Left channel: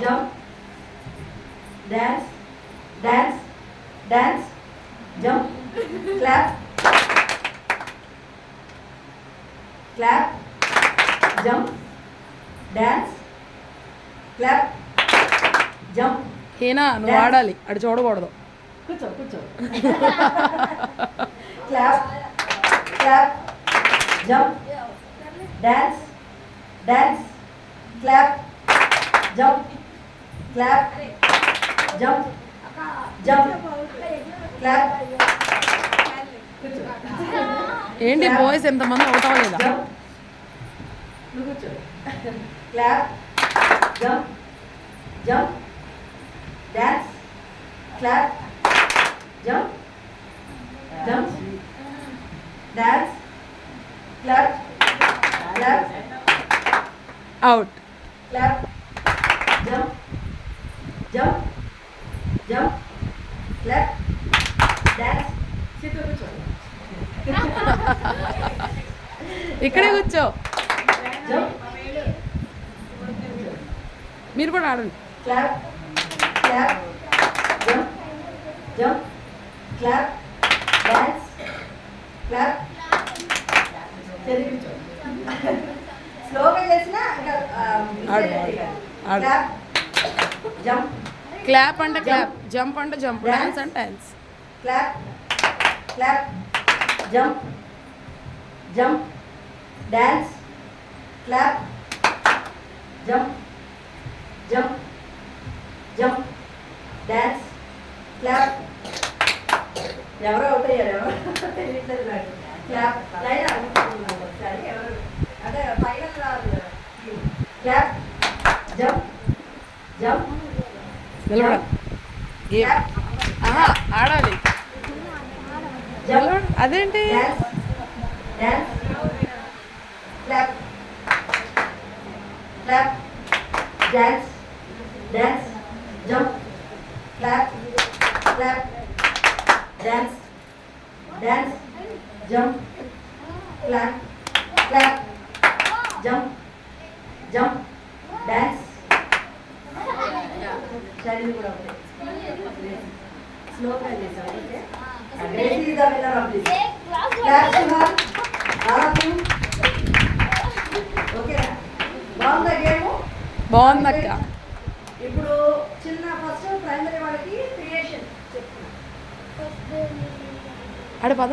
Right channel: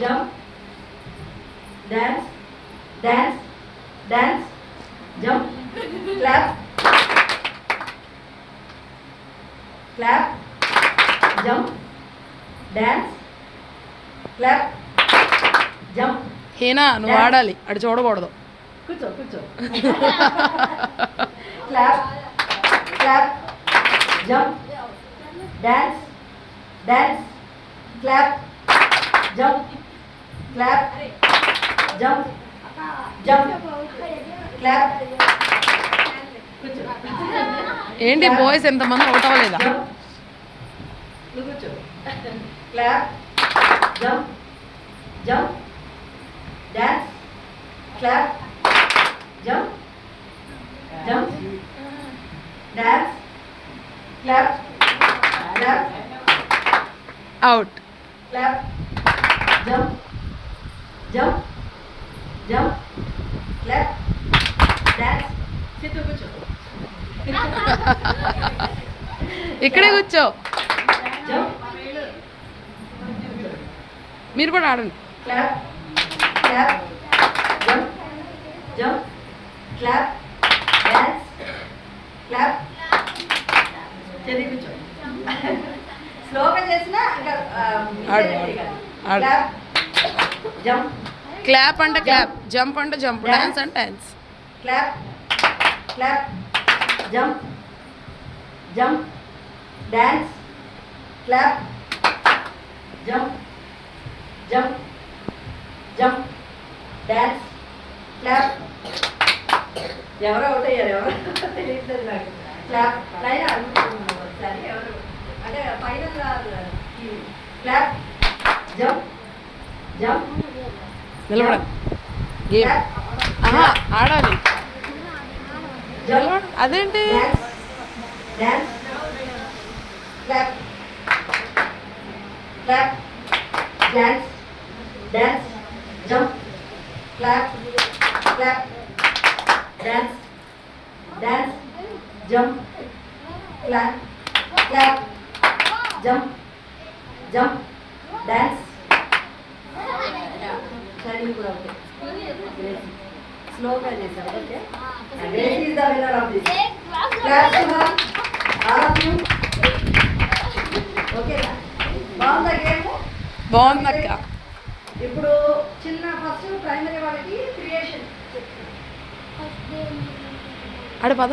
jump, dance, dance, dance, jump, clap, clap, jump, dance, clap, jump. Hina నువ్వు ఆడాలి అటు చూడకూడదు. కూర్చో కూర్చో. clap, clap, jump, dance, dance, clap, jump, clap, jump, jump, clap. కూర్చో. ఏంటి బాయ్స్ ఎంతమంది అవుట్ అవ్వలేదా? Jump. నువ్వు కూర్చో. clap, jump, jump, dance, clap, jump, jump, dance, clap, clap, out. clap, jump, jump, jump, clap, dance. sit కూర్చో. ఇక్కడే కూర్చో. jump, మీరు కూడా ఆడండి. clap, clap, jump, jump, clap, dance, clap. చెది కూర్చో. స్లోగా చేసినా ఇంకా ఆడు, ఆడు. clap, jump, క్లాప్ అంటే క్లాప్, జంప్ అంటే జంప్, డాన్స్ అంటే dance. clap, clap, jump, jump, dance, clap, jump, jump, jump, dance, clap. ఎవరు అవుట్ అయ్యారు? ఎవరు తెలియట్లేదు నాకు. క్లాప్ లైన్ అడుగుతున్నాను ఒకసారి. ఎవరు అంటే ఫైనల్ క్లాప్, జంప్, జంప్, నిలబడ. క్లాప్, ఆహా ఆడాలి. జంప్, అదేంటి? Dance, dance, clap, clap, dance, dance, jump, clap, clap, dance, dance, jump, clap, clap, jump, jump, dance. Study కూడా ఓకే. స్లోగా చేశారు. Okay. This is the winner of this. Clap to her. All of you. Okay నా? బాగుందా గేమ్? బాగుందక్క. ఇప్పుడు చిన్న first primary వాళ్ళకి క్రియేషన్ ఆడ పద.